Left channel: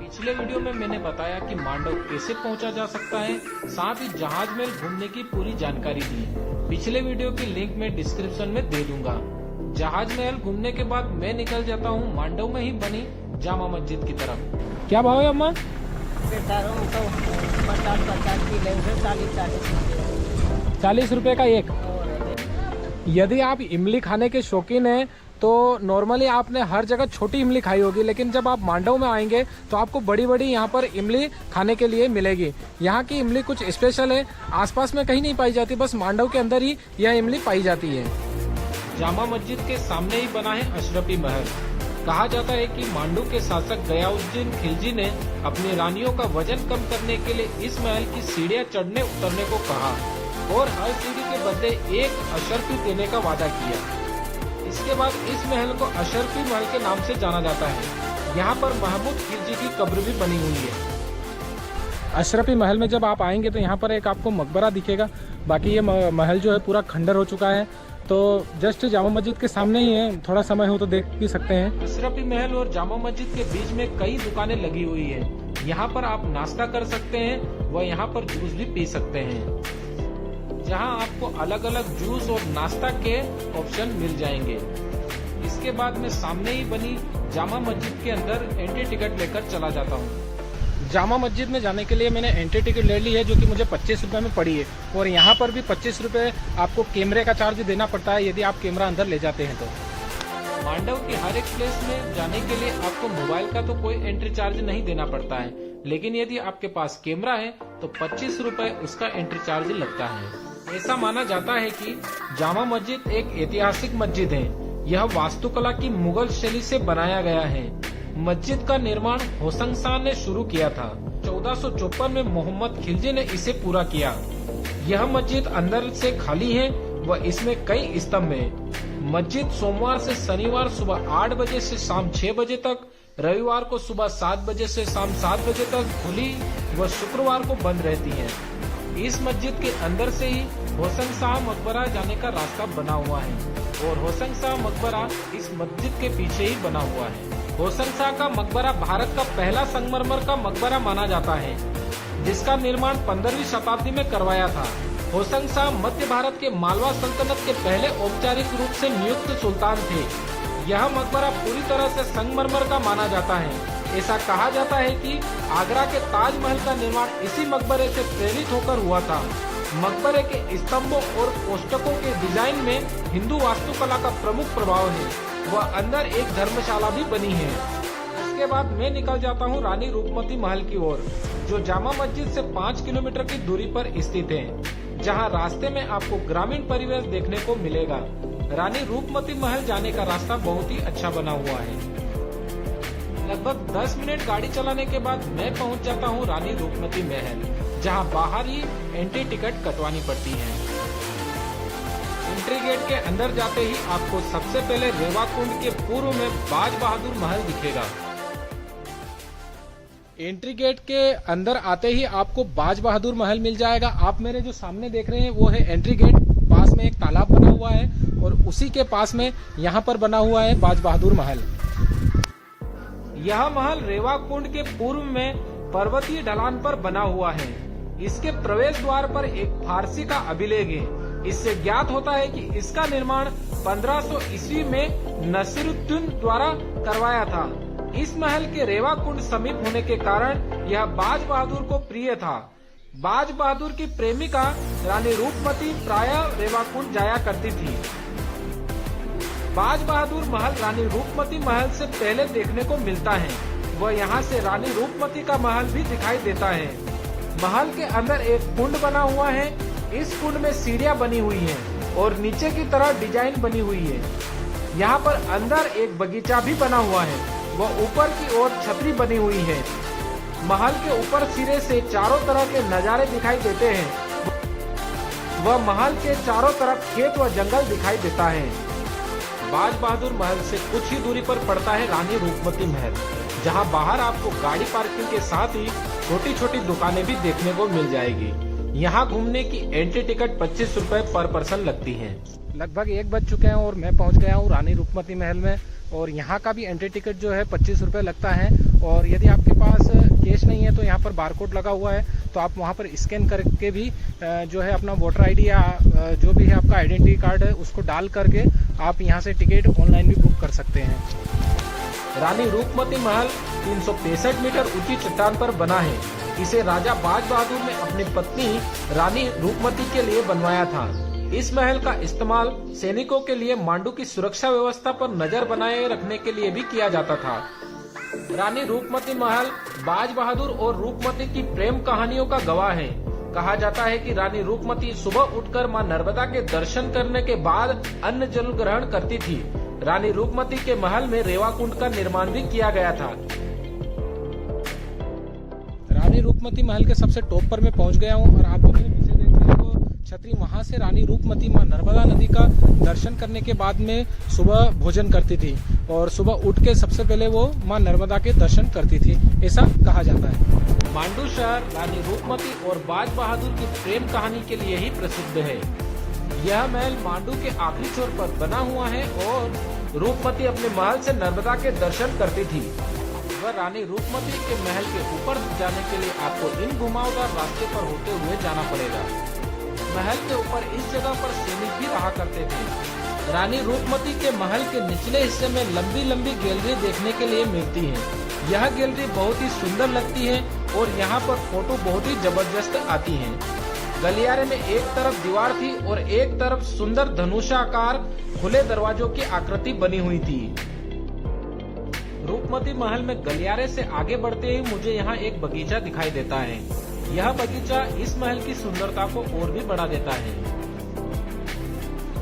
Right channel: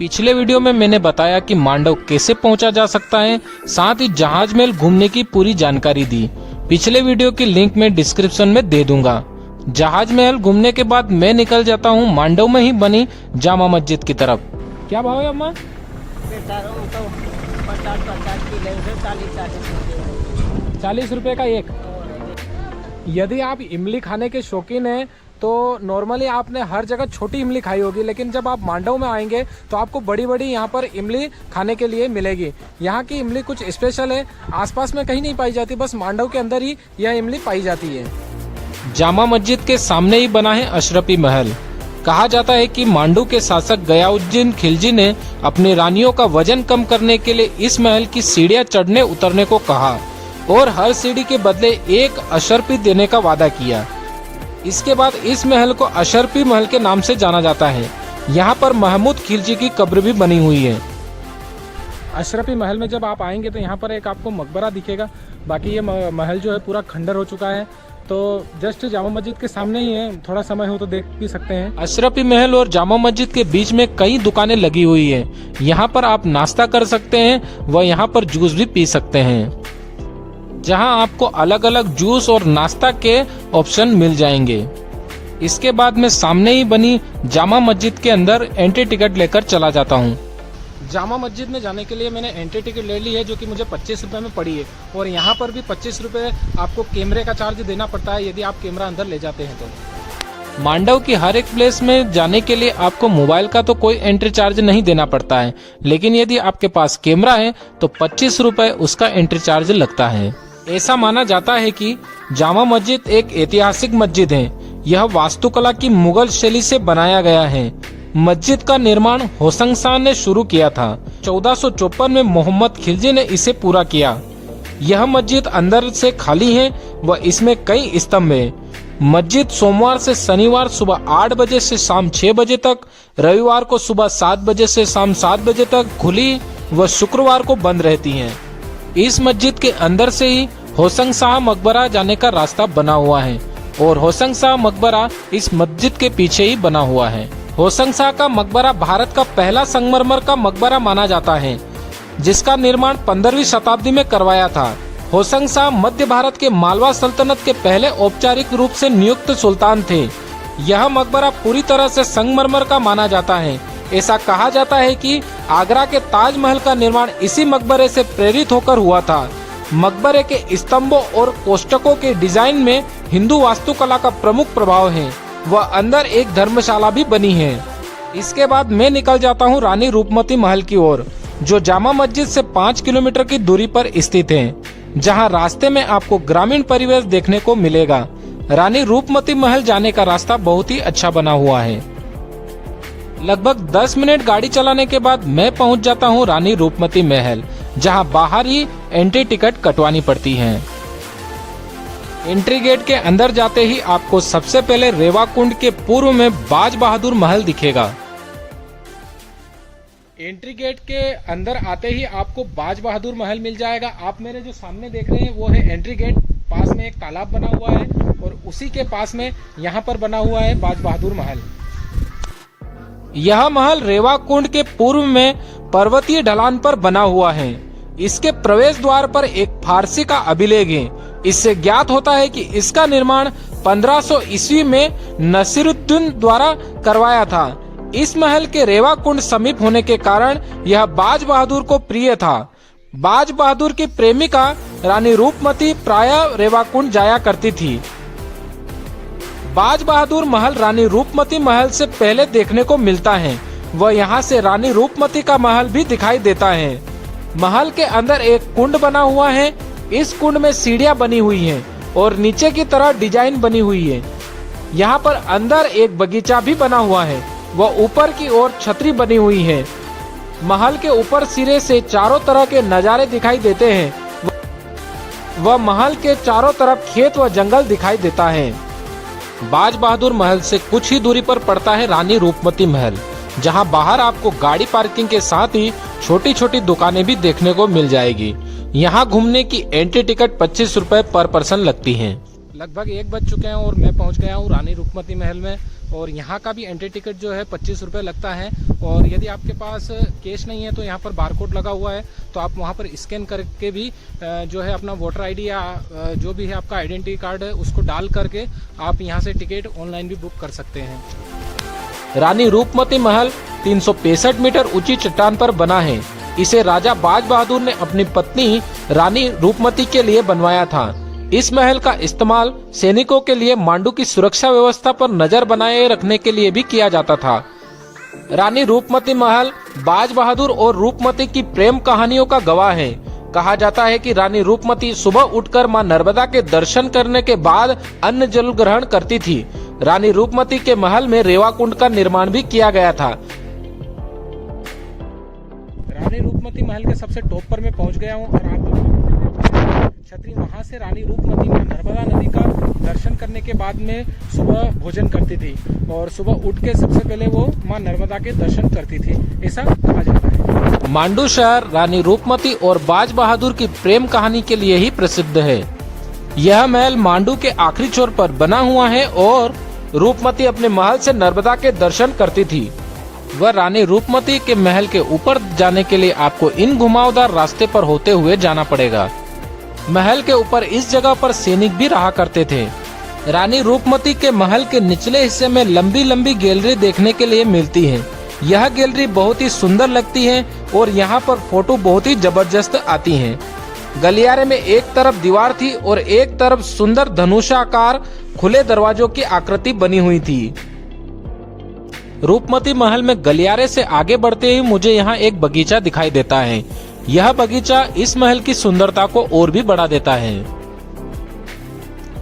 पिछले वीडियो में मैंने बताया कि मांडव कैसे पहुंचा जा सकता है, साथ ही जहाज महल घूमने की पूरी जानकारी दी। पिछले वीडियो की लिंक मैं डिस्क्रिप्शन में दे दूंगा। जहाज महल घूमने के बाद मैं निकल जाता हूं मांडव में ही बनी जामा मस्जिद की तरफ। क्या भाव है अम्मा? 40 रुपए का एक। यदि आप इमली खाने के शौकीन हैं तो नॉर्मली आपने हर जगह छोटी इमली खाई होगी, लेकिन जब आप मांडव में आएंगे तो आपको बड़ी बड़ी यहाँ पर इमली खाने के लिए मिलेगी। यहाँ की इमली कुछ स्पेशल है, आसपास में कहीं नहीं पाई जाती, बस मांडव के अंदर ही यह इमली पाई जाती है। जामा मस्जिद के सामने ही बना है अशरफी महल। कहा जाता है कि मांडू के शासक गयाउद्दीन खिलजी ने अपनी रानियों का वजन कम करने के लिए इस महल की सीढ़ियां चढ़ने उतरने को कहा और हर सीढ़ी के बदले एक अशरफी देने का वादा किया। इसके बाद इस महल को अशरफी महल के नाम से जाना जाता है। यहाँ पर महमूद खिलजी की कब्र भी बनी हुई है। अशरफी महल में जब आप आएंगे तो यहाँ पर एक आपको मकबरा दिखेगा। बाकी ये महल जो है पूरा खंडर हो चुका है, तो जस्ट जामा मस्जिद के सामने ही है, थोड़ा समय हो तो देख भी सकते हैं। अशरफी महल और जामा मस्जिद के बीच में कई दुकानें लगी हुई है। यहाँ पर आप नाश्ता कर सकते हैं व यहाँ पर जूस भी पी सकते हैं, जहां आपको अलग अलग जूस और नाश्ता के ऑप्शन मिल जाएंगे। इसके बाद मैं सामने ही बनी जामा मस्जिद के अंदर एंट्री टिकट लेकर चला जाता हूं। जामा मस्जिद में जाने के लिए मैंने एंट्री टिकट ले ली है, जो कि मुझे 25 रुपए में पड़ी है। और यहाँ पर भी 25 रुपए आपको कैमरे का चार्ज देना पड़ता है यदि आप कैमरा अंदर ले जाते हैं तो। मांडव की हर एक प्लेस में जाने के लिए आपको मोबाइल का तो कोई एंट्री चार्ज नहीं देना पड़ता है, लेकिन यदि आपके पास कैमरा है तो 25 रुपए उसका एंट्री चार्ज लगता है। ऐसा माना जाता है कि जामा मस्जिद एक ऐतिहासिक मस्जिद है। यह वास्तुकला की मुगल शैली से बनाया गया है। मस्जिद का निर्माण होशंग शाह ने शुरू किया था। 1454 में मोहम्मद खिलजी ने इसे पूरा किया। यह मस्जिद अंदर से खाली है व इसमें कई स्तंभ हैं। मस्जिद सोमवार से शनिवार सुबह 8 बजे से शाम 6 बजे तक, रविवार को सुबह 7 बजे से शाम 7 बजे तक खुली व शुक्रवार को बंद रहती है। इस मस्जिद के अंदर से ही होशंग शाह मकबरा जाने का रास्ता बना हुआ है और होशंग शाह मकबरा इस मस्जिद के पीछे ही बना हुआ है। होशंग शाह का मकबरा भारत का पहला संगमरमर का मकबरा माना जाता है, जिसका निर्माण 15वीं शताब्दी में करवाया था। होशंग शाह मध्य भारत के मालवा सल्तनत के पहले औपचारिक रूप से नियुक्त सुल्तान थे। यह मकबरा पूरी तरह से संगमरमर का माना जाता है। ऐसा कहा जाता है कि आगरा के ताजमहल का निर्माण इसी मकबरे से प्रेरित होकर हुआ था। मकबरे के स्तंभों और कोष्ठकों के डिजाइन में हिंदू वास्तुकला का प्रमुख प्रभाव है व अंदर एक धर्मशाला भी बनी है। इसके बाद मैं निकल जाता हूँ रानी रूपमती महल की ओर, जो जामा मस्जिद से 5 किलोमीटर की दूरी पर स्थित है, जहाँ रास्ते में आपको ग्रामीण परिवेश देखने को मिलेगा। रानी रूपमती महल जाने का रास्ता बहुत ही अच्छा बना हुआ है। लगभग 10 मिनट गाड़ी चलाने के बाद मैं पहुंच जाता हूं रानी रूपमती महल, जहां बाहर ही एंट्री टिकट कटवानी पड़ती है। एंट्री गेट के अंदर जाते ही आपको सबसे पहले रेवा कुंड के पूर्व में बाज बहादुर महल दिखेगा। एंट्री गेट के अंदर आते ही आपको बाज बहादुर महल मिल जाएगा। आप मेरे जो सामने देख रहे हैं वो है एंट्री गेट। पास में एक तालाब बना हुआ है और उसी के पास में यहाँ पर बना हुआ है बाज बहादुर महल। यह महल रेवा कुंड के पूर्व में पर्वतीय ढलान पर बना हुआ है। इसके प्रवेश द्वार पर एक फारसी का अभिलेख है। इससे ज्ञात होता है कि इसका निर्माण 1500 ईस्वी में नसीरुद्दीन द्वारा करवाया था। इस महल के रेवा कुंड समीप होने के कारण यह बाज बहादुर को प्रिय था। बाज बहादुर की प्रेमिका रानी रूपमती प्रायः रेवा कुंड जाया करती थी। बाज बहादुर महल रानी रूपमती महल से पहले देखने को मिलता है व यहाँ से रानी रूपमती का महल भी दिखाई देता है। महल के अंदर एक कुंड बना हुआ है। इस कुंड में सीढ़ियां बनी हुई हैं और नीचे की तरह डिजाइन बनी हुई है। यहाँ पर अंदर एक बगीचा भी बना हुआ है व ऊपर की ओर छतरी बनी हुई है। महल के ऊपर सिरे से चारों तरह के नजारे दिखाई देते हैं व महल के चारों तरफ खेत व जंगल दिखाई देता है। बाज बहादुर महल से कुछ ही दूरी पर पड़ता है रानी रूपमती महल, जहां बाहर आपको गाड़ी पार्किंग के साथ ही छोटी छोटी दुकानें भी देखने को मिल जाएगी। यहां घूमने की एंट्री टिकट 25 रुपए पर पर्सन लगती है। लगभग 1 बज चुके हैं और मैं पहुंच गया हूं रानी रूपमती महल में। और यहाँ का भी एंट्री टिकट जो है 25 रुपये लगता है। और यदि आपके पास कैश नहीं है तो यहाँ पर बारकोड लगा हुआ है, तो आप वहाँ पर स्कैन करके भी जो है अपना वोटर आईडी या जो भी है आपका आइडेंटिटी कार्ड है उसको डाल करके आप यहाँ से टिकट ऑनलाइन भी बुक कर सकते हैं। रानी रूपमती महल 365 मीटर ऊंची चट्टान पर बना है। इसे राजा बाज बहादुर ने अपनी पत्नी रानी रूपमती के लिए बनवाया था। इस महल का इस्तेमाल सैनिकों के लिए मांडू की सुरक्षा व्यवस्था पर नजर बनाए रखने के लिए भी किया जाता था। रानी रूपमती महल बाज बहादुर और रूपमती की प्रेम कहानियों का गवाह है। कहा जाता है कि रानी रूपमती सुबह उठकर मां नर्मदा के दर्शन करने के बाद अन्न जल ग्रहण करती थी। रानी रूपमती के महल में रेवा कुंड का निर्माण भी किया गया था। रानी रूपमती महल के सबसे टॉप पर मैं पहुंच गया हूं और आप जो नीचे देख रहे हैं छतरी, वहां से रानी रूपमती मां नर्मदा नदी का दर्शन करने के बाद में सुबह भोजन करती थी और सुबह उठ के सबसे पहले वो मां नर्मदा के दर्शन करती थी, ऐसा कहा जाता है। मांडू शहर रानी रूपमती और बाज बहादुर की प्रेम कहानी के लिए ही प्रसिद्ध है। यह महल मांडू के आखिरी छोर पर बना हुआ है और रूपमती अपने महल से नर्मदा के दर्शन करती थी। वह रानी रूपमती के महल के ऊपर जाने के लिए आपको इन घुमावदार रास्ते पर होते हुए जाना पड़ेगा। महल के ऊपर इस जगह पर सैनिक भी रहा करते थे। रानी रूपमती के महल के निचले हिस्से में लंबी लंबी गैलरी देखने के लिए मिलती है। यह गैलरी बहुत ही सुंदर लगती है और यहाँ पर फोटो बहुत ही जबरदस्त आती हैं। गलियारे में एक तरफ दीवार थी और एक तरफ सुंदर धनुषाकार खुले दरवाजों की आकृति बनी हुई थी। रूपमती महल में गलियारे से आगे बढ़ते ही मुझे यहाँ एक बगीचा दिखाई देता है। यह बगीचा इस महल की सुंदरता को और भी बढ़ा देता है।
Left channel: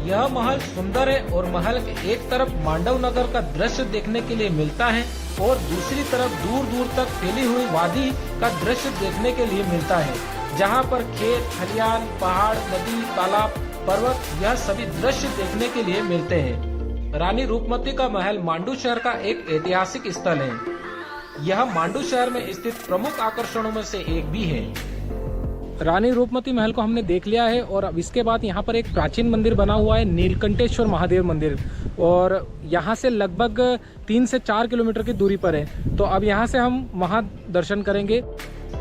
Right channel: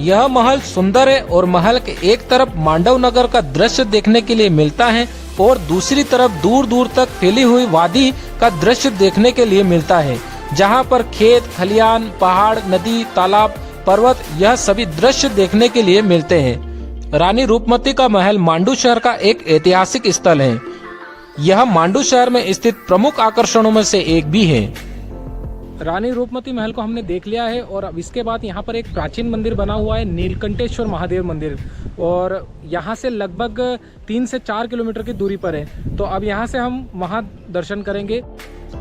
यह महल सुंदर है और महल के एक तरफ मांडव नगर का दृश्य देखने के लिए मिलता है और दूसरी तरफ दूर दूर तक फैली हुई वादी का दृश्य देखने के लिए मिलता है, जहाँ पर खेत खलियान, पहाड़, नदी, तालाब, पर्वत यह सभी दृश्य देखने के लिए मिलते हैं। रानी रूपमती का महल मांडू शहर का एक ऐतिहासिक स्थल है। यह मांडू शहर में स्थित प्रमुख आकर्षणों में से एक भी है। रानी रूपमती महल को हमने देख लिया है और अब इसके बाद यहाँ पर एक प्राचीन मंदिर बना हुआ है, नीलकंठेश्वर महादेव मंदिर, और यहाँ से लगभग 3 से 4 किलोमीटर की दूरी पर है। तो अब यहाँ से हम वहाँ दर्शन करेंगे।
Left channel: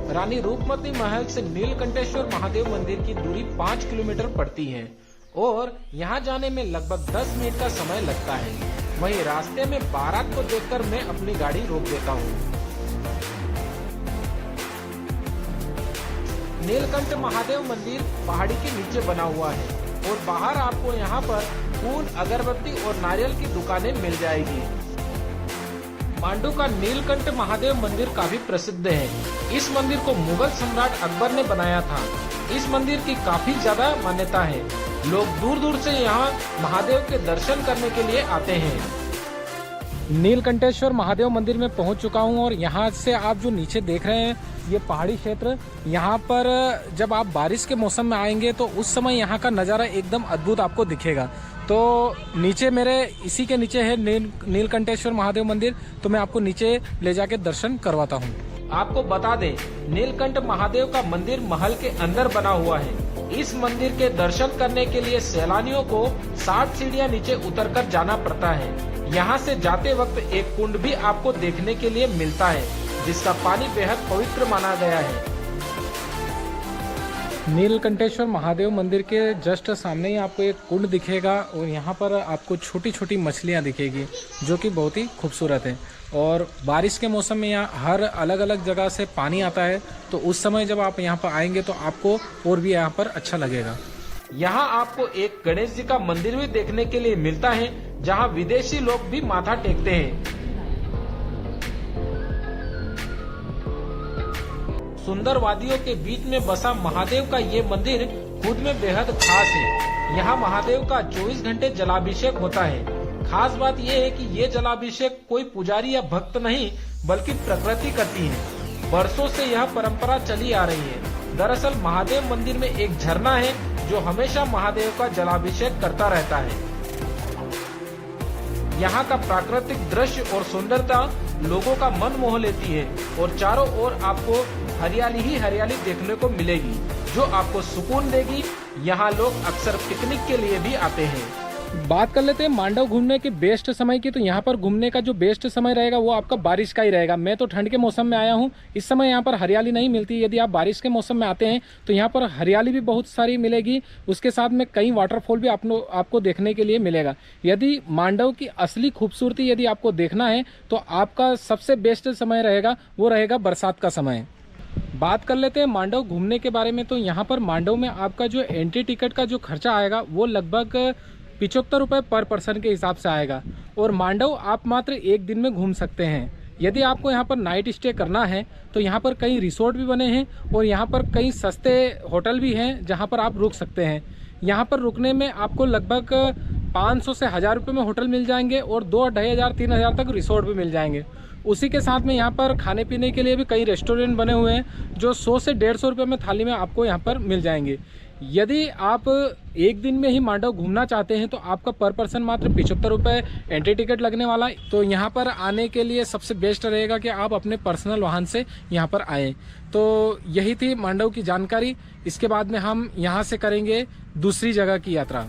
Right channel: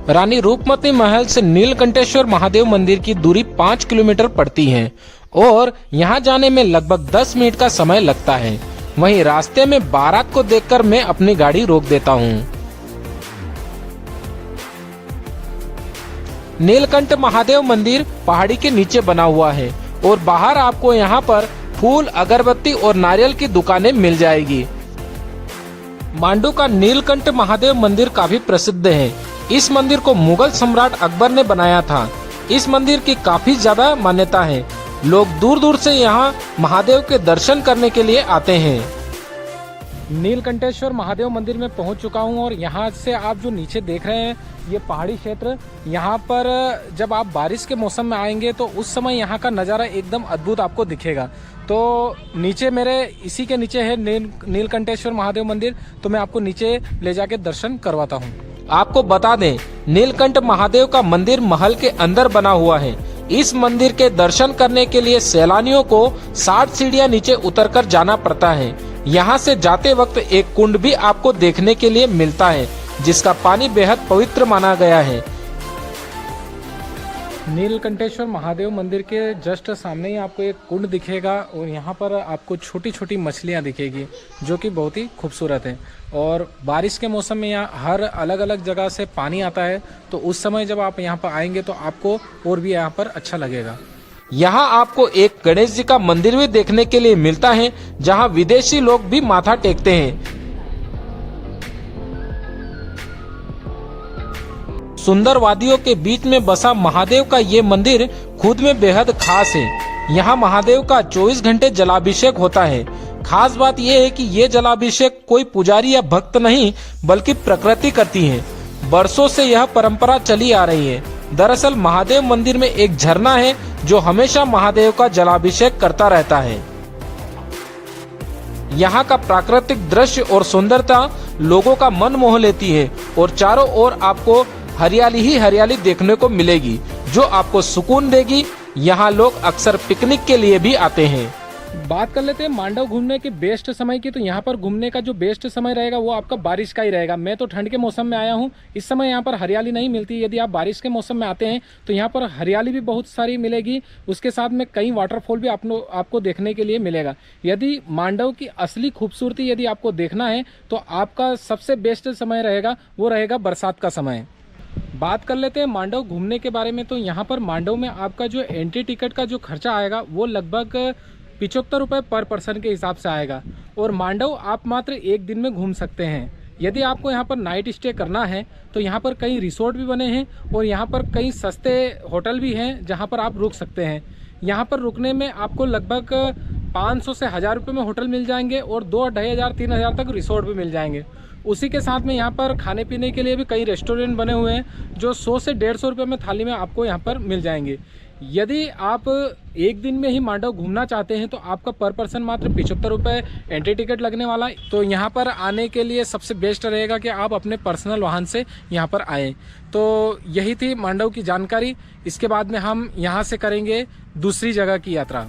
रानी रूपमती महल से नीलकंठेश्वर महादेव मंदिर की दूरी 5 किलोमीटर पड़ती है और यहाँ जाने में लगभग 10 मिनट का समय लगता है। वहीं रास्ते में बारात को देखकर मैं अपनी गाड़ी रोक देता हूँ। नीलकंठ महादेव मंदिर पहाड़ी के नीचे बना हुआ है और बाहर आपको यहाँ पर फूल, अगरबत्ती और नारियल की दुकानें मिल जाएगी। मांडू का नीलकंठ महादेव मंदिर काफी प्रसिद्ध है। इस मंदिर को मुगल सम्राट अकबर ने बनाया था। इस मंदिर की काफी ज्यादा मान्यता है। लोग दूर दूर से यहाँ महादेव के दर्शन करने के लिए आते हैं। नीलकंठेश्वर महादेव मंदिर में पहुंच चुका हूं और यहाँ से आप जो नीचे देख रहे हैं ये पहाड़ी क्षेत्र, यहाँ पर जब आप बारिश के मौसम में आएंगे तो उस समय यहाँ का नज़ारा एकदम अद्भुत आपको दिखेगा। तो नीचे मेरे इसी के नीचे है नीलकंठेश्वर महादेव मंदिर, तो मैं आपको नीचे ले जाके दर्शन करवाता हूँ। आपको बता दें, नीलकंठ महादेव का मंदिर महल के अंदर बना हुआ है। इस मंदिर के दर्शन करने के लिए सैलानियों को 60 सीढ़ियां नीचे उतरकर जाना पड़ता है। यहाँ से जाते वक्त एक कुंड भी आपको देखने के लिए मिलता है, जिसका पानी बेहद पवित्र माना गया है। नीलकंठेश्वर महादेव मंदिर के जस्ट सामने ही आपको एक कुंड दिखेगा और यहाँ पर आपको छोटी छोटी मछलियाँ दिखेगी जो कि बहुत ही खूबसूरत है। और बारिश के मौसम में यहाँ हर अलग अलग जगह से पानी आता है, तो उस समय जब आप यहाँ पर आएंगे तो आपको और भी यहाँ पर अच्छा लगेगा। यहाँ आपको एक गणेश जी का मंदिर भी देखने के लिए मिलता है, जहाँ विदेशी लोग भी माथा टेकते हैं। सुंदर वादियों के बीच में बसा महादेव का ये मंदिर खुद में बेहद खास है। यहाँ महादेव का 24 घंटे जलाभिषेक होता है। खास बात यह है कि ये जलाभिषेक कोई पुजारी या भक्त नहीं बल्कि प्रकृति करती है। बरसों से यह परंपरा चली आ रही है। दरअसल महादेव मंदिर में एक झरना है जो हमेशा महादेव का जलाभिषेक करता रहता है। यहाँ का प्राकृतिक दृश्य और सुंदरता लोगों का मन मोह लेती है और चारों ओर आपको हरियाली ही हरियाली देखने को मिलेगी जो आपको सुकून देगी। यहाँ लोग अक्सर पिकनिक के लिए भी आते हैं। बात कर लेते हैं मांडव घूमने के बेस्ट समय की। तो यहाँ पर घूमने का जो बेस्ट समय रहेगा वो आपका बारिश का ही रहेगा। मैं तो ठंड के मौसम में आया हूँ, इस समय यहाँ पर हरियाली नहीं मिलती। यदि आप बारिश के मौसम में आते हैं तो यहाँ पर हरियाली भी बहुत सारी मिलेगी, उसके साथ में कई वाटरफॉल भी आपको देखने के लिए मिलेगा। यदि मांडव की असली खूबसूरती यदि आपको देखना है तो आपका सबसे बेस्ट समय रहेगा वो रहेगा बरसात का समय। बात कर लेते हैं मांडव घूमने के बारे में। तो यहाँ पर मांडव में आपका जो एंट्री टिकट का जो खर्चा आएगा वो लगभग 75 रुपये पर पर्सन के हिसाब से आएगा। और मांडव आप मात्र एक दिन में घूम सकते हैं। यदि आपको यहाँ पर नाइट स्टे करना है तो यहाँ पर कई रिसोर्ट भी बने हैं और यहाँ पर कई सस्ते होटल भी हैं जहाँ पर आप रुक सकते हैं। यहाँ पर रुकने में आपको लगभग 500 से 1000 रुपये में होटल मिल जाएंगे और 2-2500-3000 तक रिसोर्ट भी मिल जाएंगे। उसी के साथ में यहाँ पर खाने पीने के लिए भी कई रेस्टोरेंट बने हुए हैं जो 100 से 150 रुपये में थाली में आपको यहाँ पर मिल जाएंगे। यदि आप एक दिन में ही मांडव घूमना चाहते हैं तो आपका पर पर्सन मात्र 75 रुपये एंट्री टिकट लगने वाला है। तो यहाँ पर आने के लिए सबसे बेस्ट रहेगा कि आप अपने पर्सनल वाहन से यहाँ पर आएँ। तो यही थी मांडव की जानकारी। इसके बाद में हम यहाँ से करेंगे दूसरी जगह की यात्रा।